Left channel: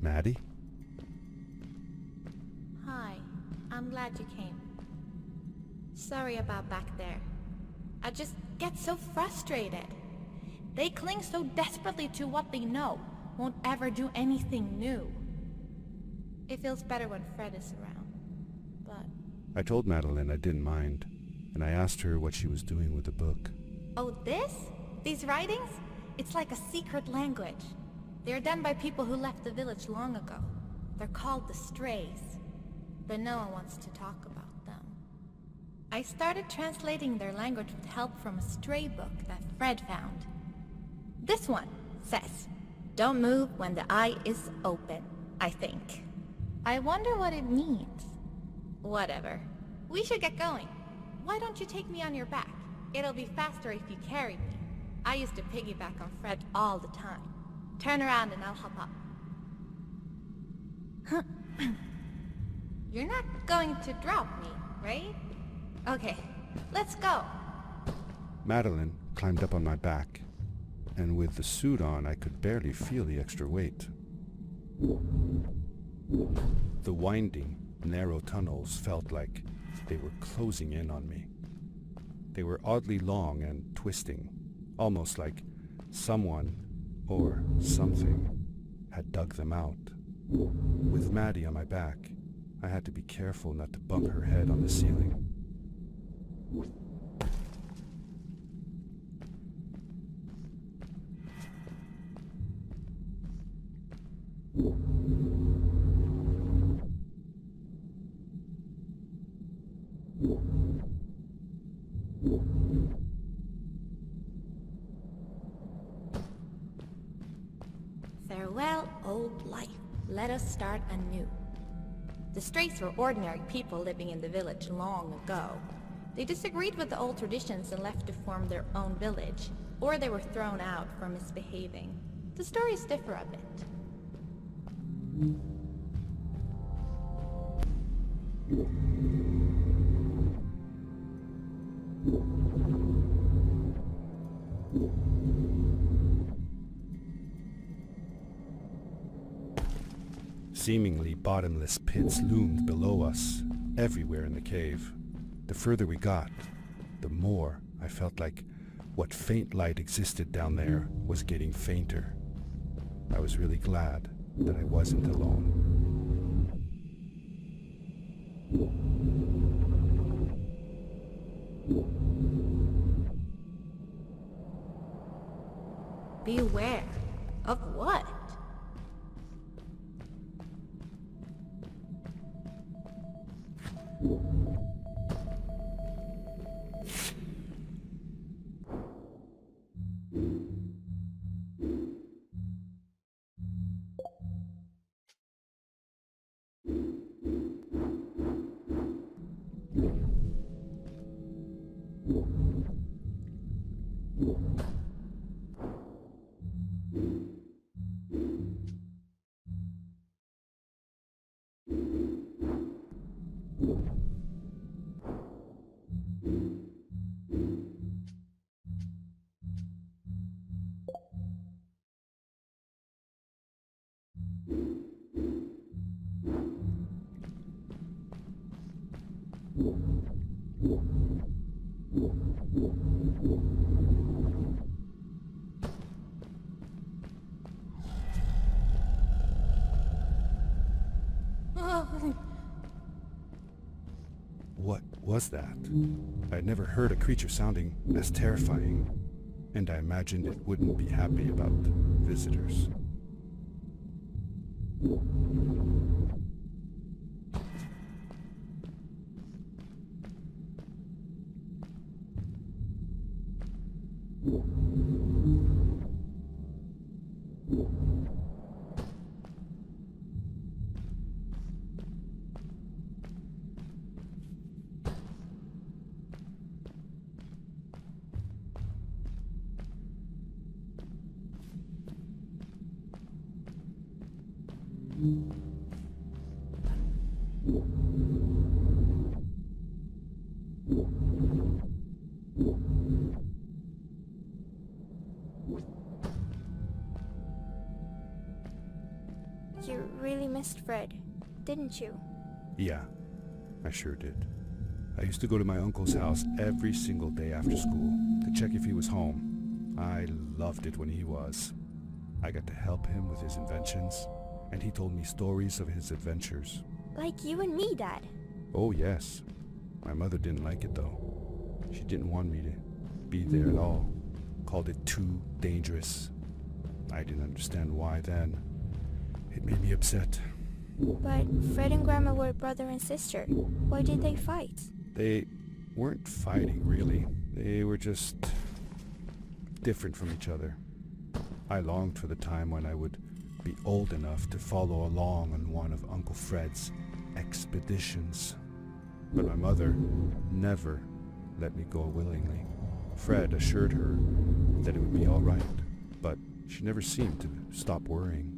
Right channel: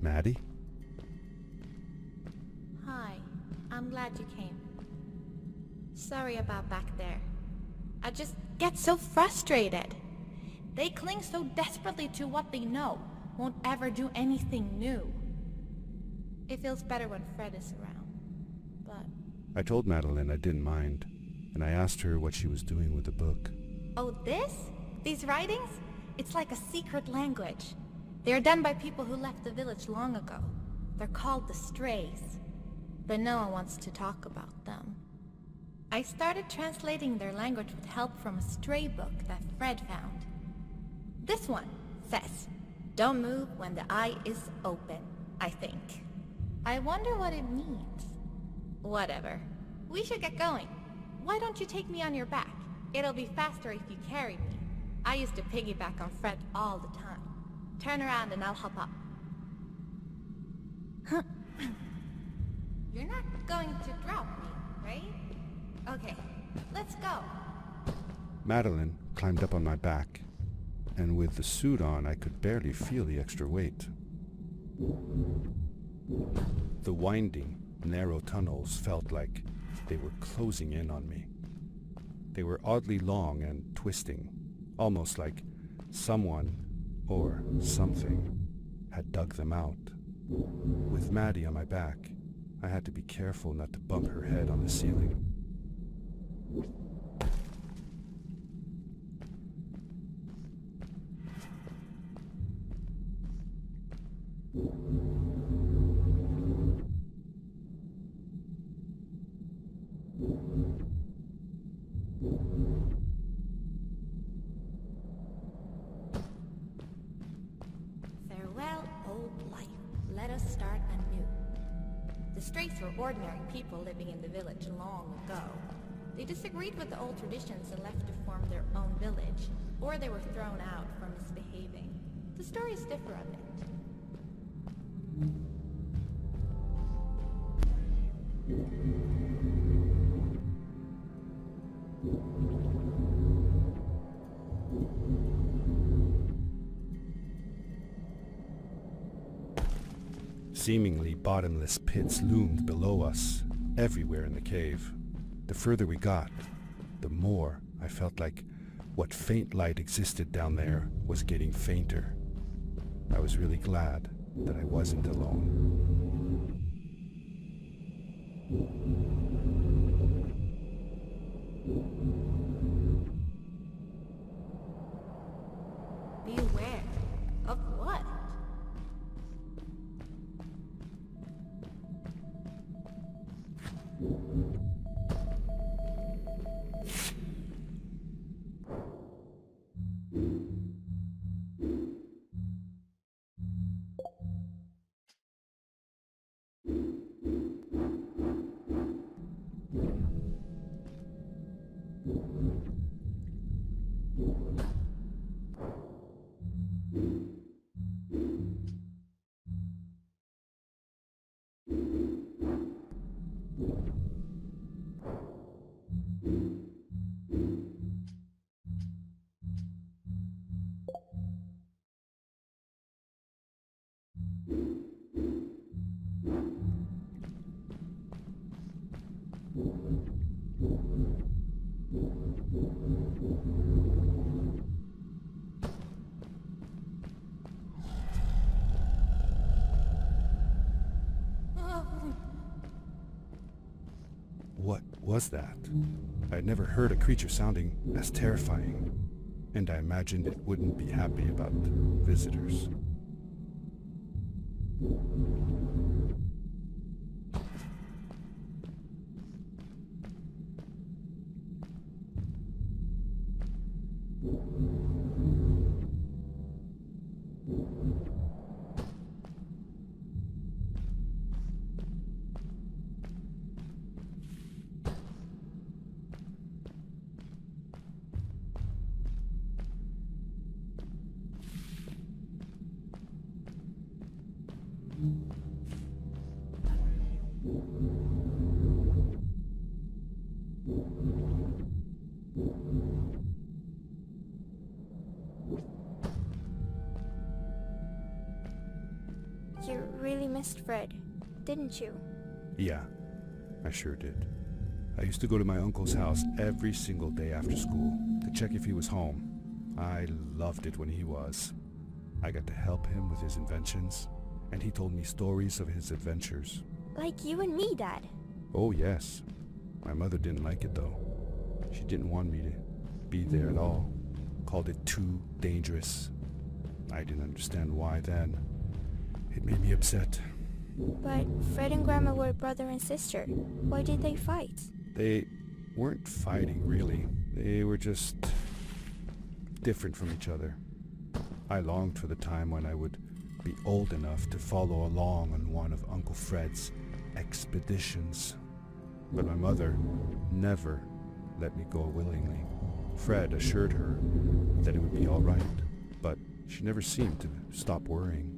Maddie? Hi, I'm glad you came. Sorry about back there. I just get so frustrated. They cling so desperately to what they know, won't ever do anything new. It feels better when Fred is around, but... I told Madeline I didn't mind, and I asked her what she was doing with the book. Oh, this? These writings? It's like a secret language. They are done by people who left the village long ago. They're called the Strays, but no one wants to talk about them. I started translating their language with help from a stray book that Fred found. This one says, "Don't move when the eye is open," I think. I wonder what it means. Whatever. We should get going. Why don't you take me on your back? It'll be faster if you carry me. I used to piggyback on Fred all the time. Turn around and I'll hop up. You're not going to drop me, right? Okay, let's go. Madeline climbed up on my back, and with the suit on, I could barely feel the extra weight. The winding, narrow tunnels felt like they were closing in on me. They were oddly long and twisting, almost like someone or something had dug them out. With Maddie on my back, I had to be careful not to bump her head on the ceiling. Farewell, old life. Let us start anew. The Strays were ordinary people living in the village long ago. They disagreed with the old traditions and left to form their own village, or they were thrown out for misbehaving. The stories differ a bit. Seemingly bottomless pits loomed below us, everywhere in the cave. The further we got, the more I felt like what faint light existed down there was getting fainter. I was really glad that I wasn't alone. Beware. Of what? What was that? I had never heard a creature sounding as terrifying, and I imagined it wouldn't be happy about visitors. You really missed Fred, didn't you? Yeah, I sure did. I used to go to my uncle's house every single day after school to check if he was home. I loved it when he was. I got to help him with his inventions, and he told me stories of his adventures. Like you and me, Dad. Oh yes. My mother didn't like it though. She didn't want me to be there at all. Called it too dangerous. I didn't understand why then. It made me upset. But Fred and Grandma were brother and sister. Why did they fight? They weren't fighting, really. They were just different from each other. I longed for the time when I would be old enough to follow along on one of Uncle Fred's expeditions. But my mother never let me go willingly. Fred assured her that it would be all right, but she never seemed to stop worrying.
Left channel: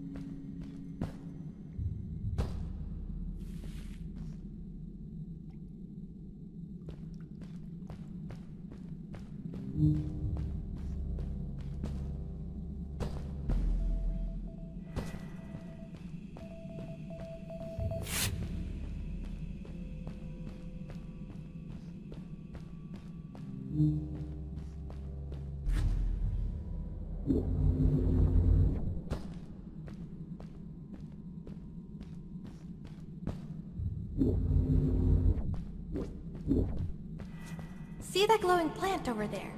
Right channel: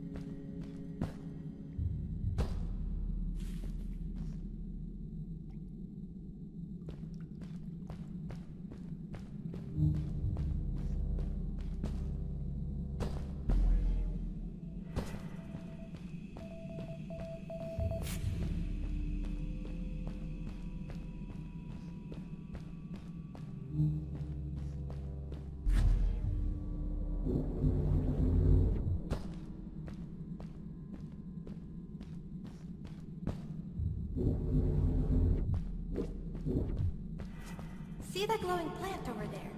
See that glowing plant over there?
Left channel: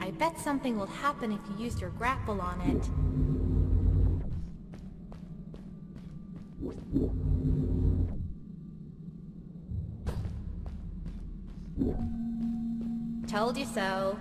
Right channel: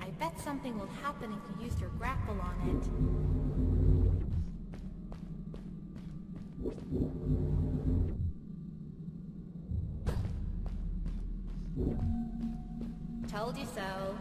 I bet something will happen if you use your grapple on it. Told you so.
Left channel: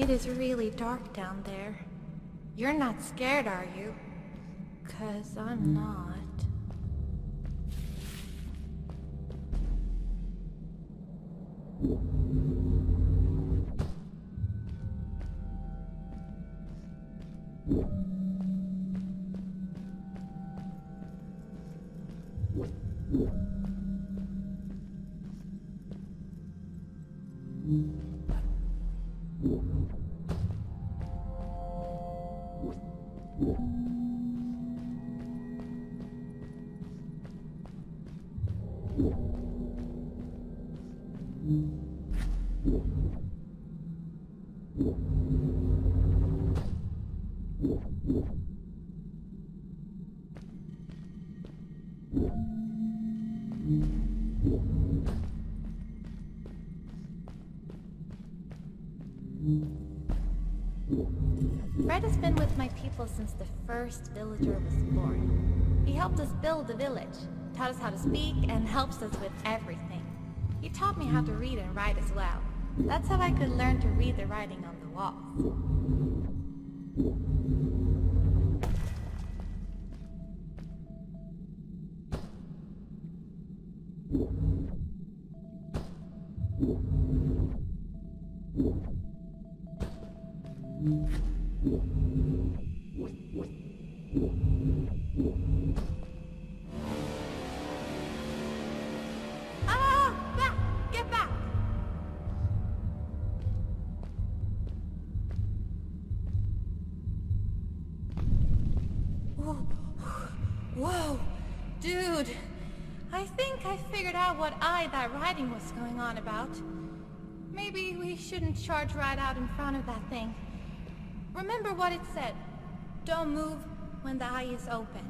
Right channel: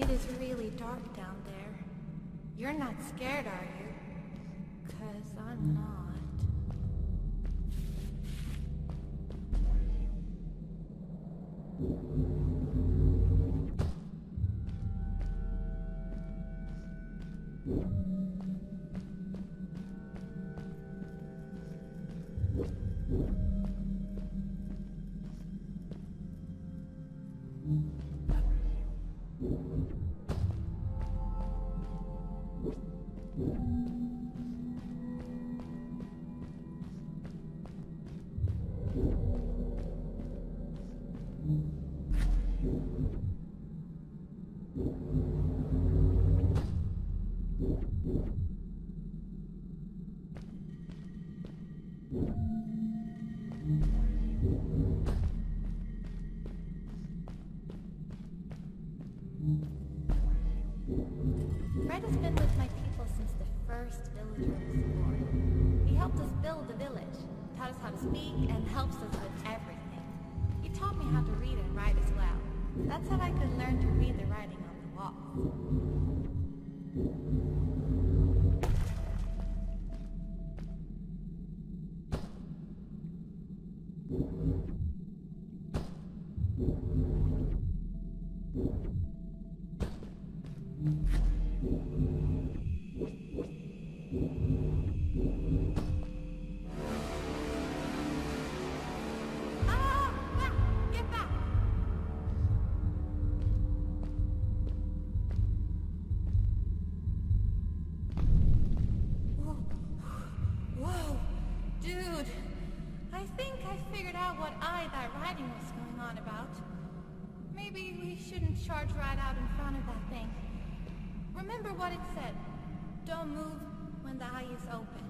It is really dark down there. You're not scared, are you? 'Cause I'm not. Fred has been with my people since the first villager was born. He helped us build the village, taught us how to speak, and helps us with everything. He taught me how to read and write as well. That's how I could learn to read the writing on the walls. Back! Get back! Whoa! Dude! I think I figured out what that writing was going on about. Maybe we shouldn't charge right out in front of that thing. Remember what it said. Don't move when the eye is open.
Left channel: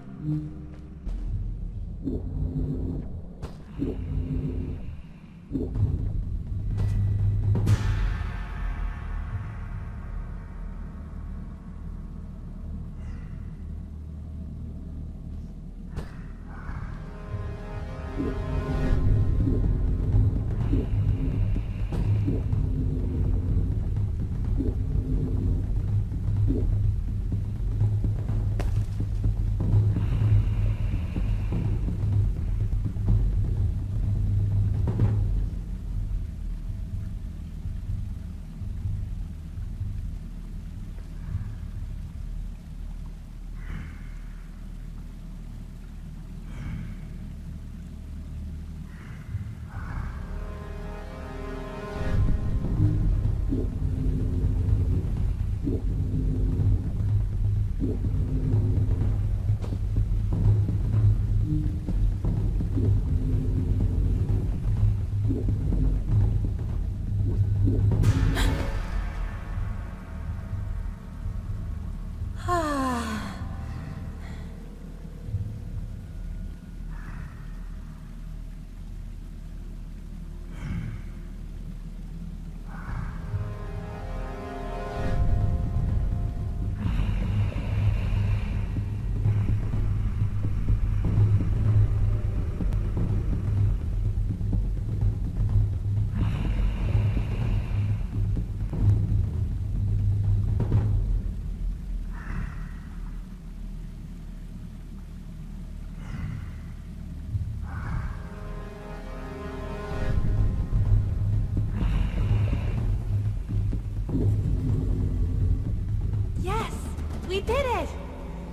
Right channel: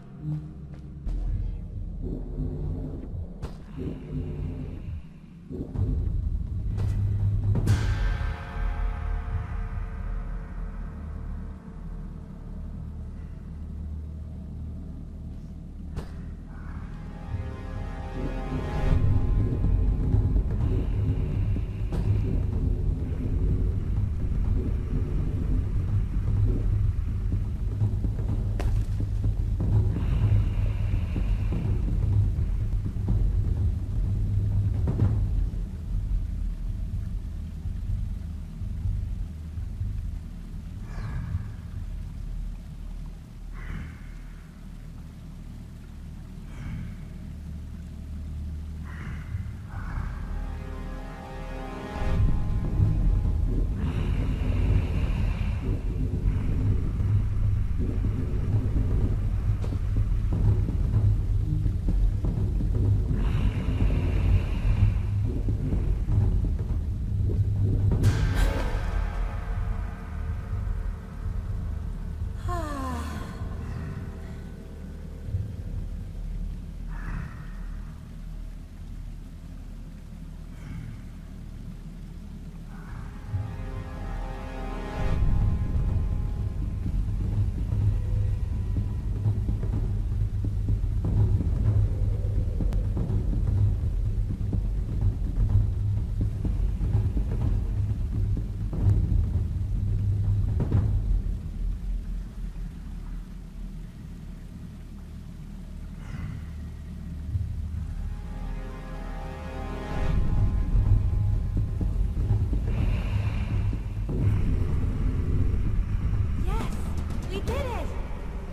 We did it!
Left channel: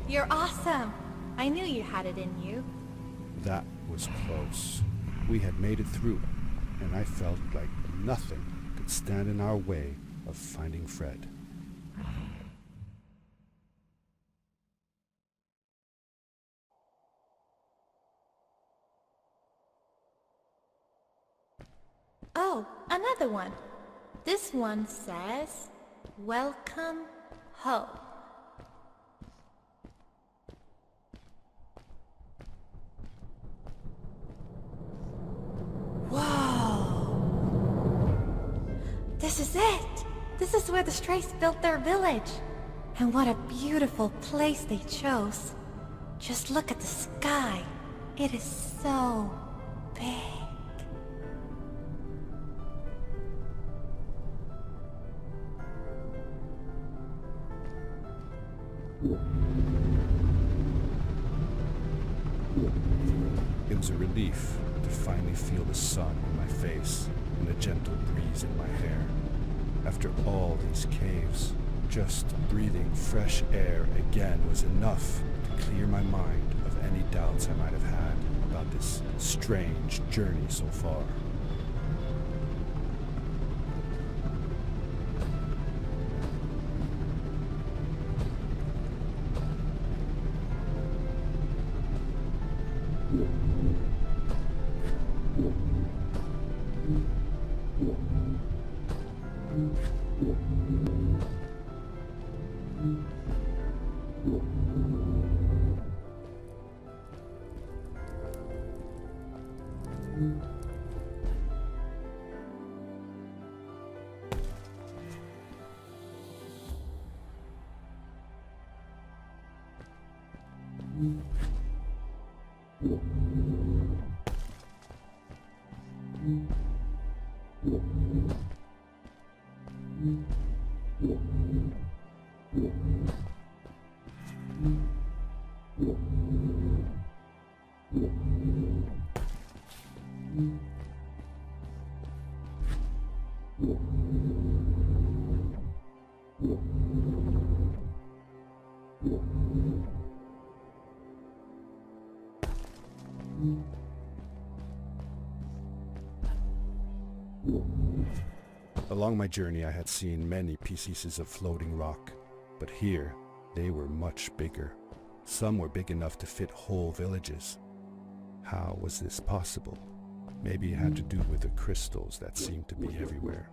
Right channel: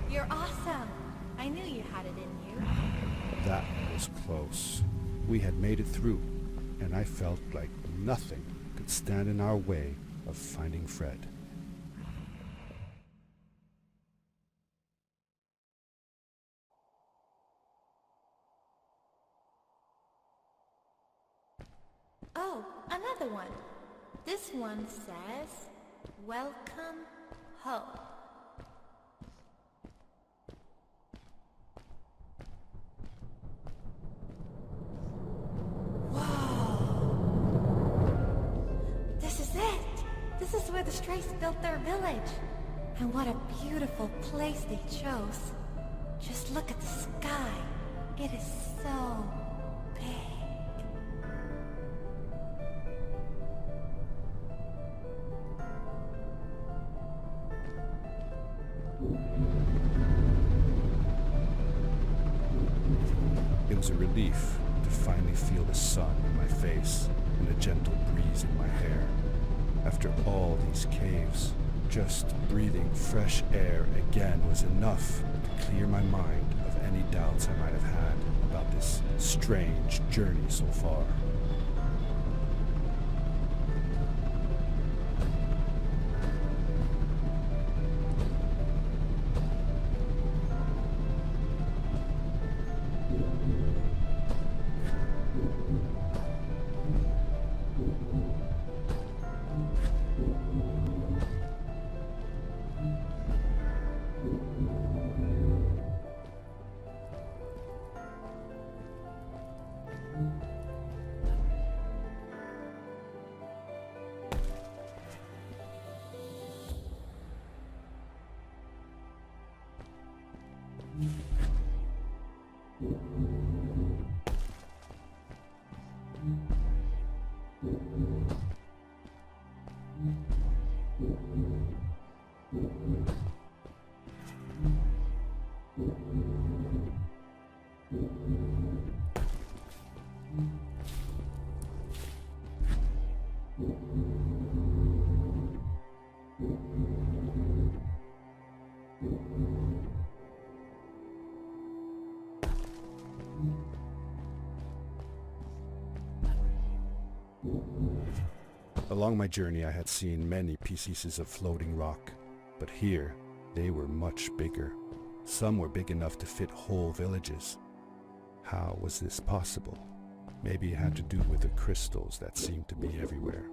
You're awesome. I knew you had it in you. That was close. We had made it through, and I felt like nothing could stand in our way of finding Fred. Oh, another one. This one says, "Welcome home." Whoa! This is it! This is where the Strays built their village. And what a beautiful place they chose. Just look at the sky. It is so big. It was a relief to finally feel the sun in my face and a gentle breeze in my hair. After all these caves, just breathing fresh air again was enough to clear my mind of any doubts I might have had about this strange journey so far. Along my journey I had seen many pieces of floating rock, but here they were much bigger. Some were big enough to fit whole villages. How was this possible? Maybe it had to do with the crystals that seemed to be everywhere.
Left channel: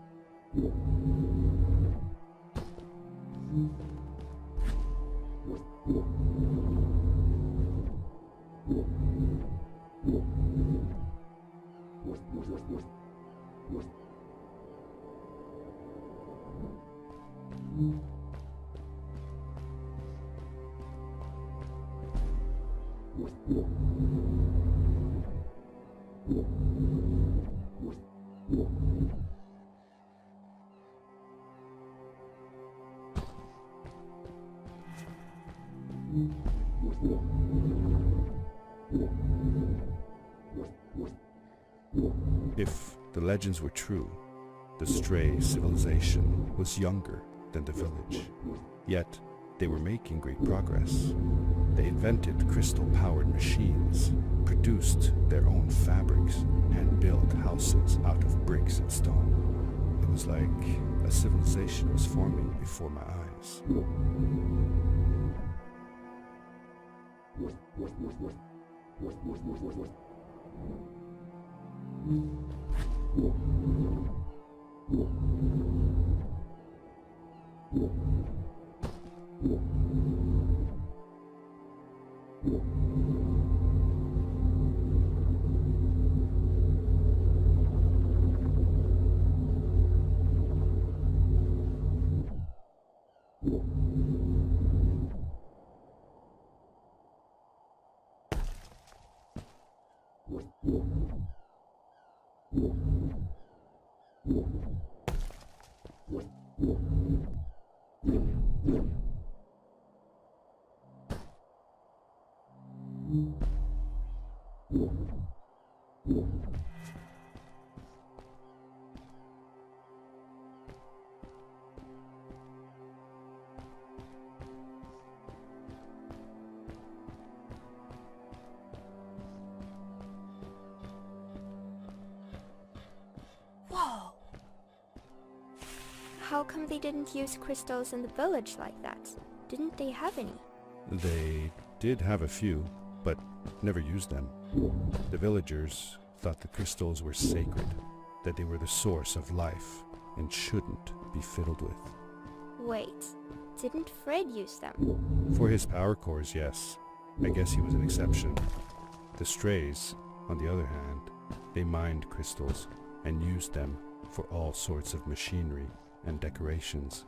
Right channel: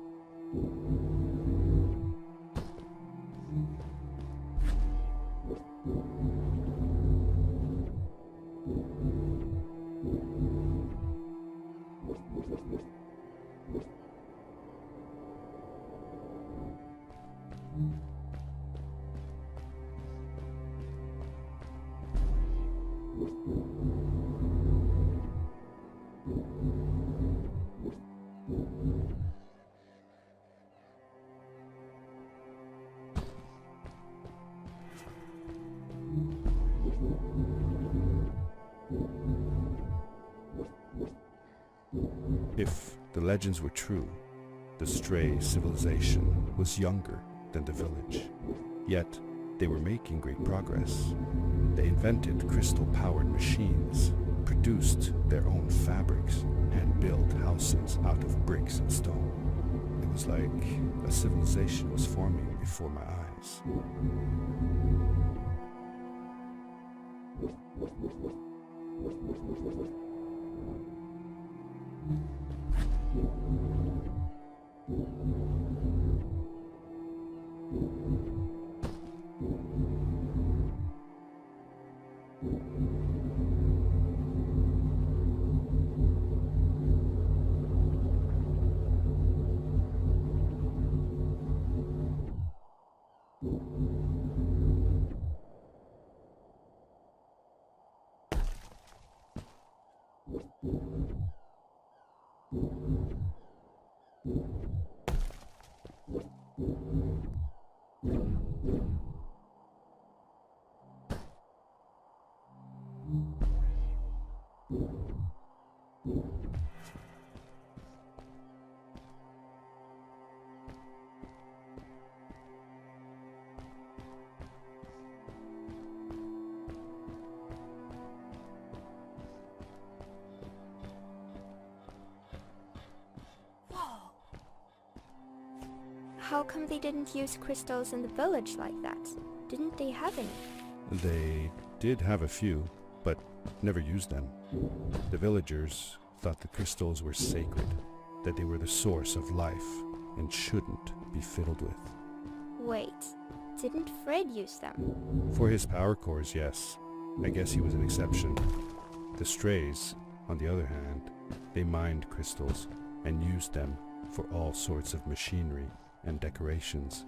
If the legends were true, the stray civilization was younger than the village. Yet, they were making great progress. They invented crystal-powered machines, produced their own fabrics, and built houses out of bricks and stone. It was like a civilization was forming before my eyes. Whoa! How come they didn't use crystals in the village like that? Didn't they have any? They did have a few, but never used them. The villagers thought the crystals were sacred, that they were the source of life and shouldn't be fiddled with. Wait, didn't Fred use them? For his power cores, yes. I guess he was an exception. The strays, on the other hand, they mined crystals and used them for all sorts of machinery and decorations.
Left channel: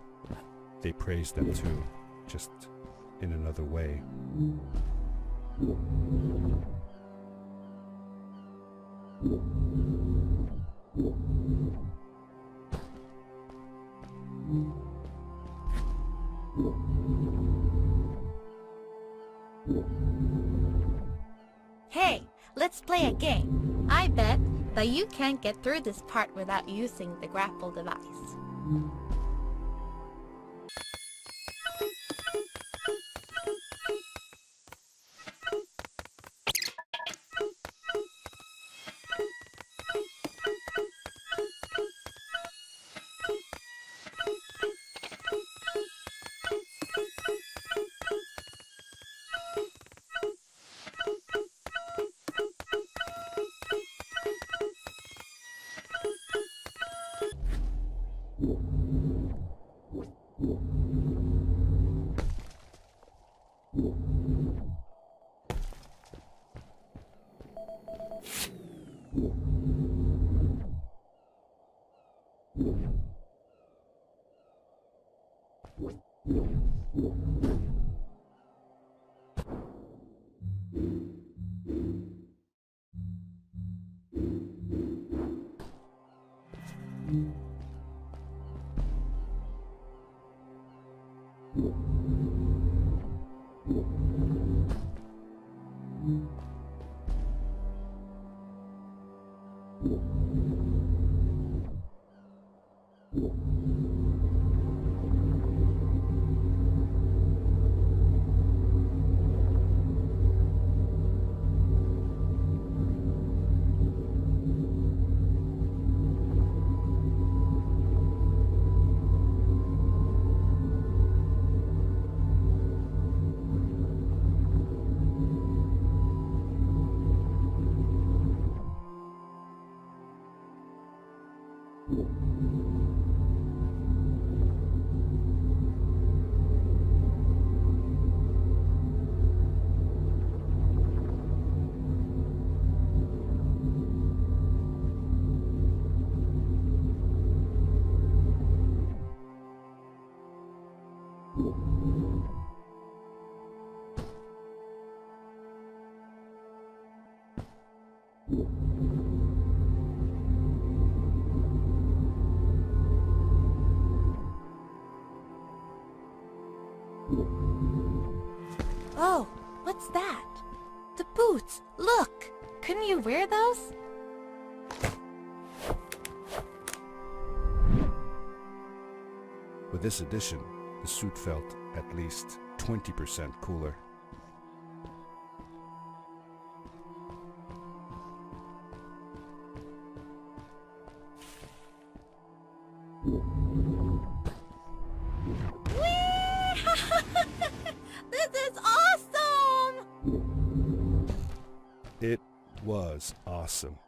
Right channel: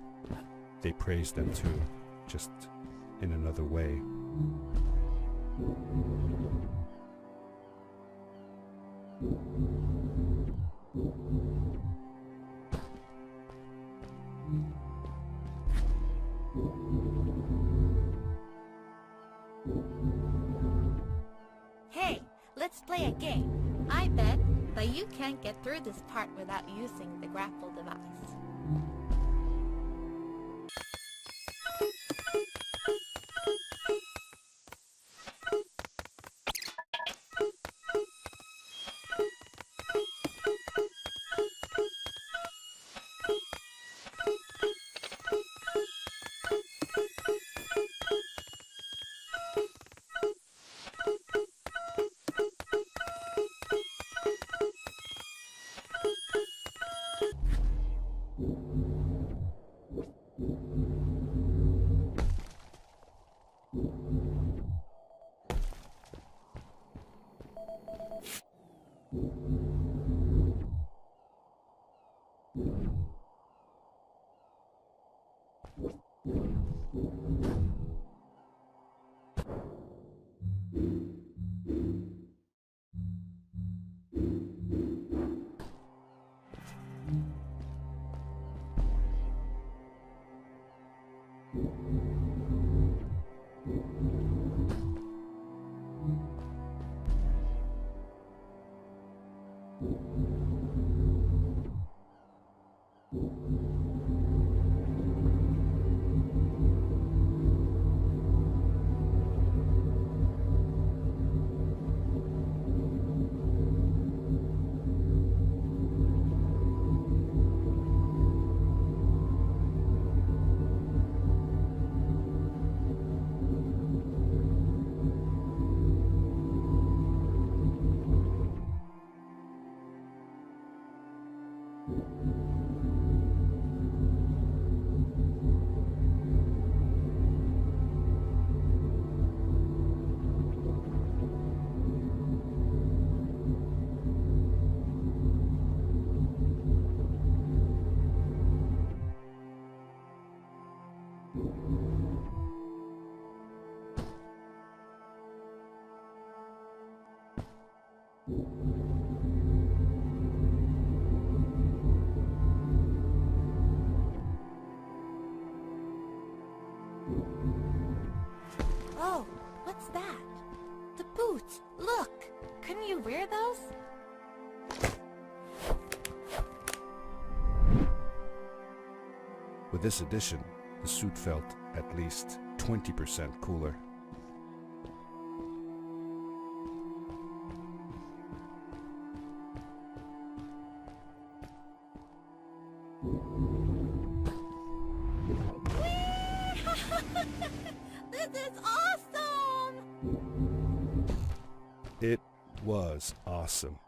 They praised them too, just in another way. Hey, let's play a game. I bet that you can't get through this part without using the grapple device. Oh, what's that? The boots! Look! Couldn't you wear those? With this addition, the suit felt at least 20% cooler. This is awesome! It was awesome.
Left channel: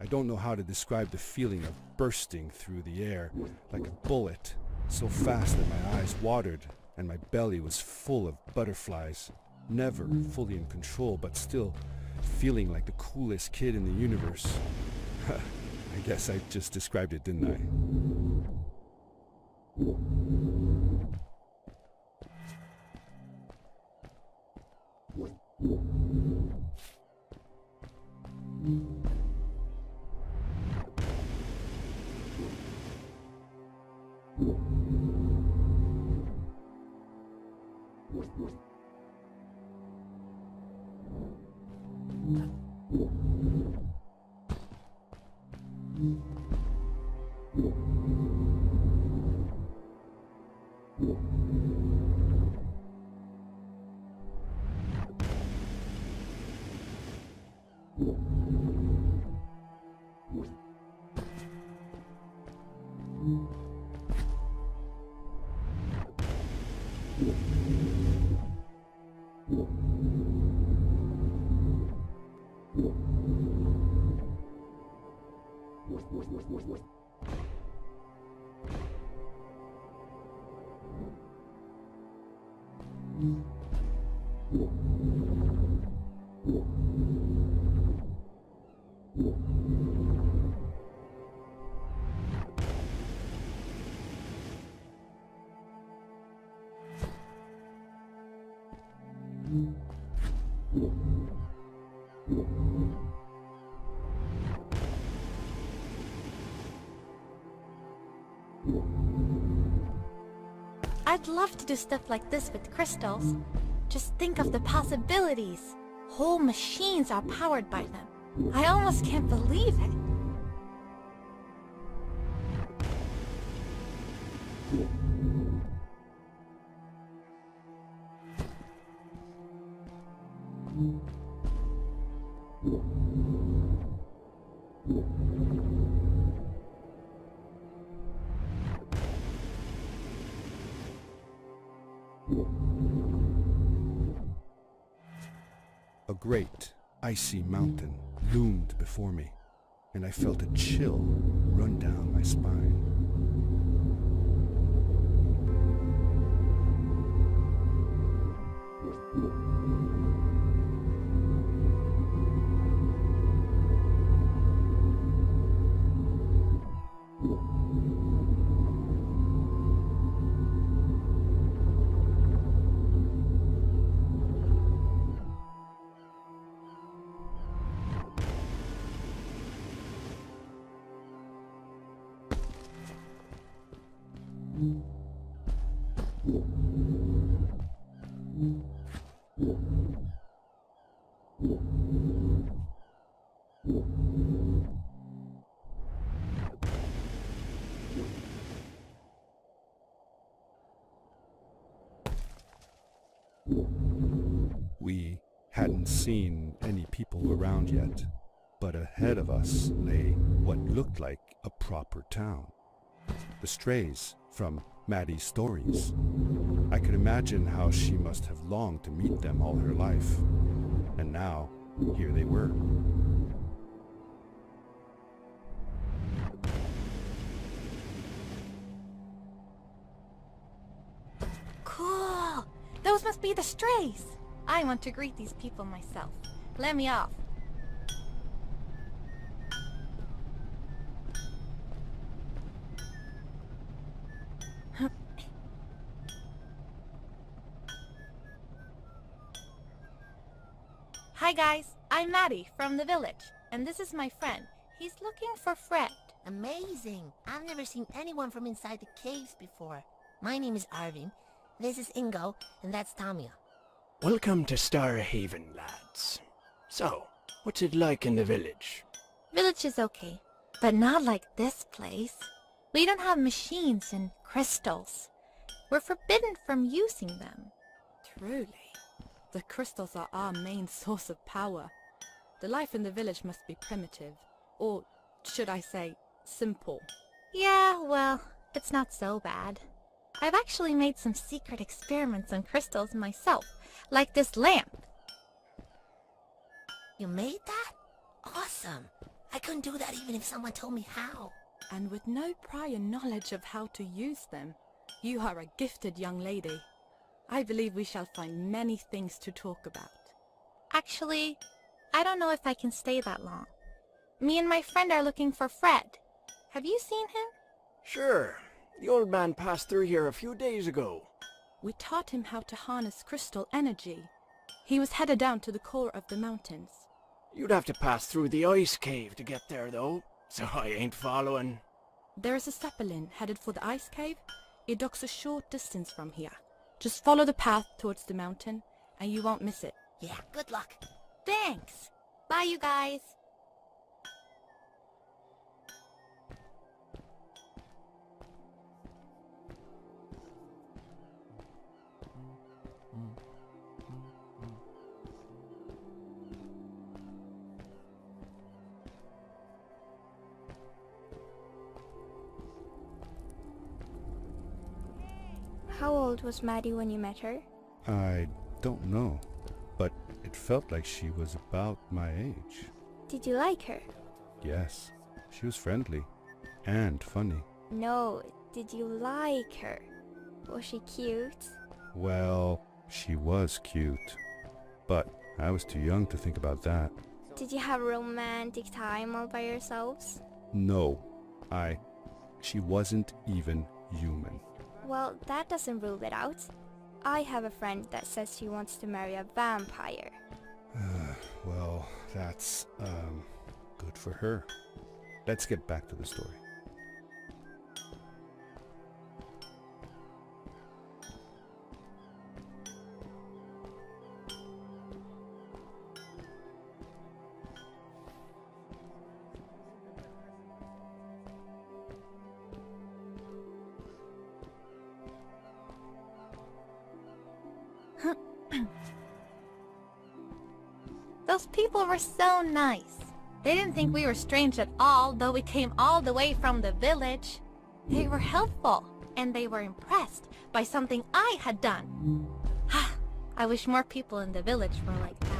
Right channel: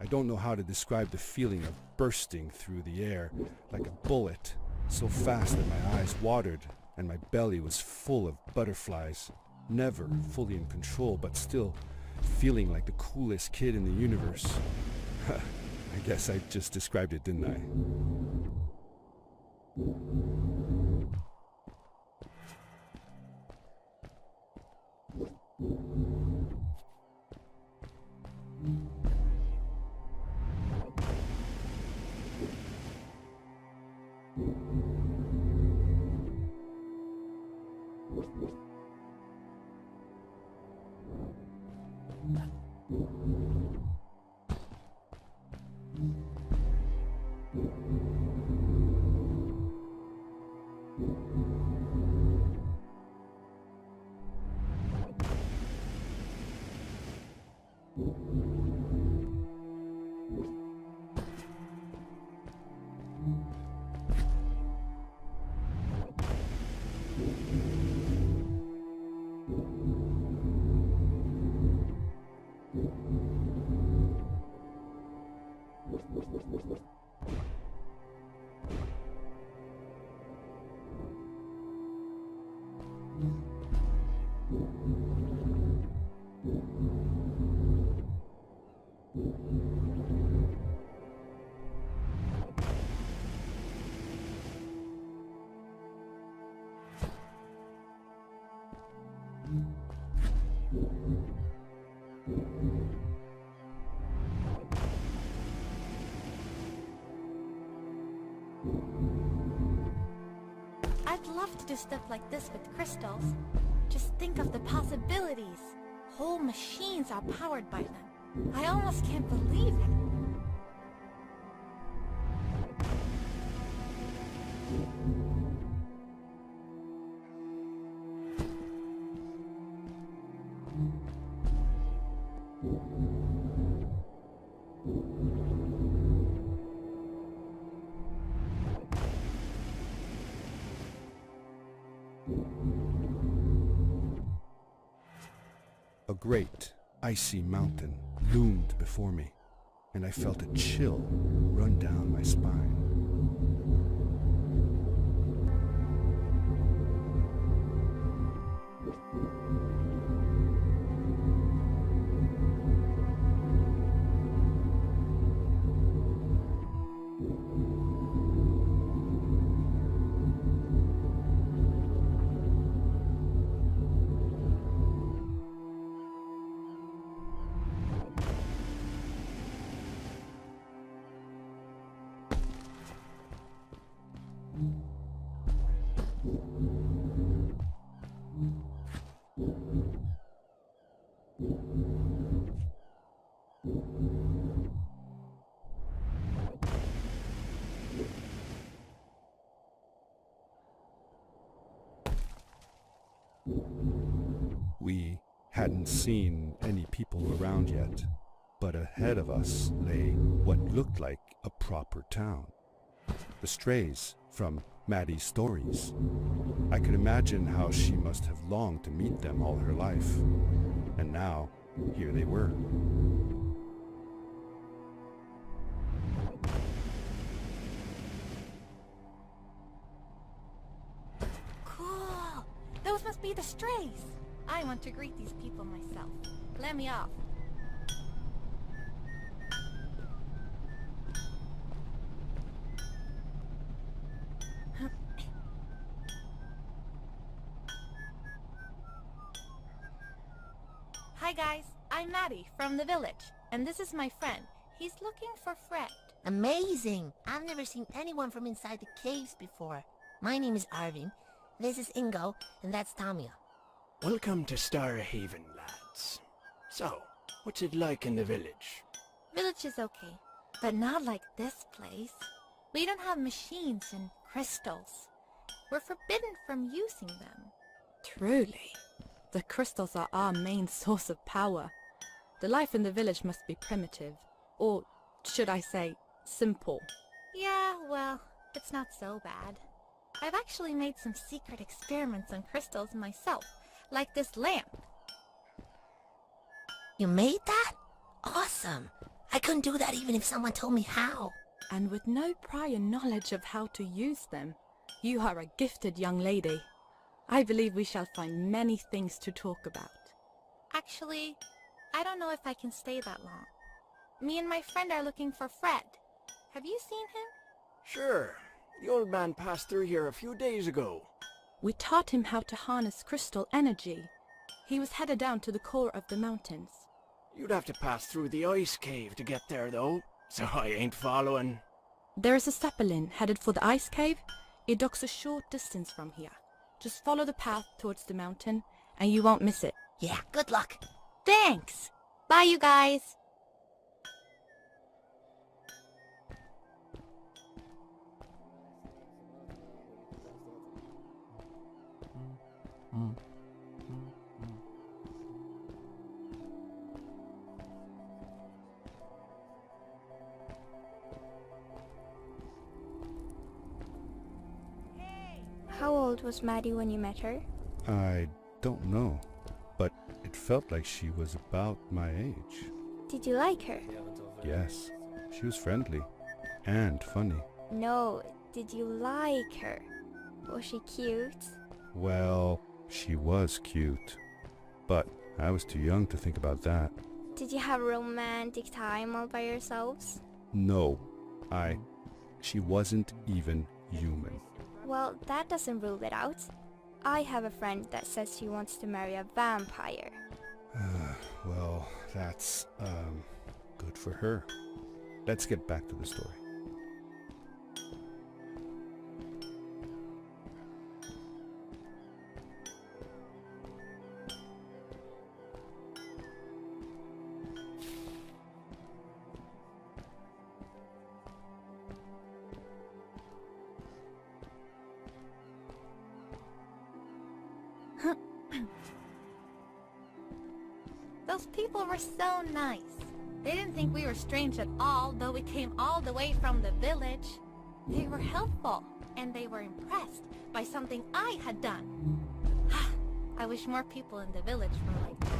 I don't know how to describe the feeling of bursting through the air like a bullet, so fast that my eyes watered and my belly was full of butterflies. Never fully in control, but still feeling like the coolest kid in the universe. I guess I just described it, didn't I? I'd love to do stuff like this with crystals. Just think of the possibilities. Whole machines are powered by them. I almost can't believe it. A great, icy mountain loomed before me, and I felt a chill run down my spine. We hadn't seen any people around yet, but ahead of us lay what looked like a proper town. The strays from Maddie's stories. I could imagine how she must have longed to meet them all her life. And now, here they were. Cool! Those must be the strays. I want to greet these people myself. Let me off. Hi guys, I'm Maddie from the village, and this is my friend. He's looking for Fred. Amazing! I've never seen anyone from inside the caves before. My name is Arvin, this is Ingo, and that's Tamia. Welcome to Starhaven, lads. So, what's it like in the village? Village is okay, but not like this place. We don't have machines and crystals. We're forbidden from using them. Truly. The crystals are our main source of power. The life in the village must be primitive. Or, should I say, simple. Yeah, well, it's not so bad. I've actually made some secret experiments on crystals myself, like this lamp. You made that? Awesome! I couldn't do that even if someone told me how. And with no prior knowledge of how to use them, you are a gifted young lady. I believe we shall find many things to talk about. Actually, I don't know if I can stay that long. Me and my friend are looking for Fred. Have you seen him? Sure. The old man passed through here a few days ago. We taught him how to harness crystal energy. He was headed down to the core of the mountains. You'd have to pass through the ice cave to get there, though, so I ain't following. There is a zeppelin headed for the ice cave. It docks a short distance from here. Just follow the path towards the mountain, and you won't miss it. Yeah, good luck. Thanks! Bye, you guys! How old was Maddie when you met her? I don't know, but it felt like she was about my age. Did you like her? Yes, she was friendly and funny. No, did you like her? Was she cute? Well, she was cute, but I was too young to think about that. Did you have a romantic time all by yourselves? No, she wasn't even human. Well, that doesn't rule it out. I have a friend that says she wants to marry a vampire. Well, that's, good for her. Let's get back to the story. Those people were so nice. They didn't think we were strange at all, though we came all the way from the village. They were helpful, and they were impressed by something I had done. I wish more people in the village were like that.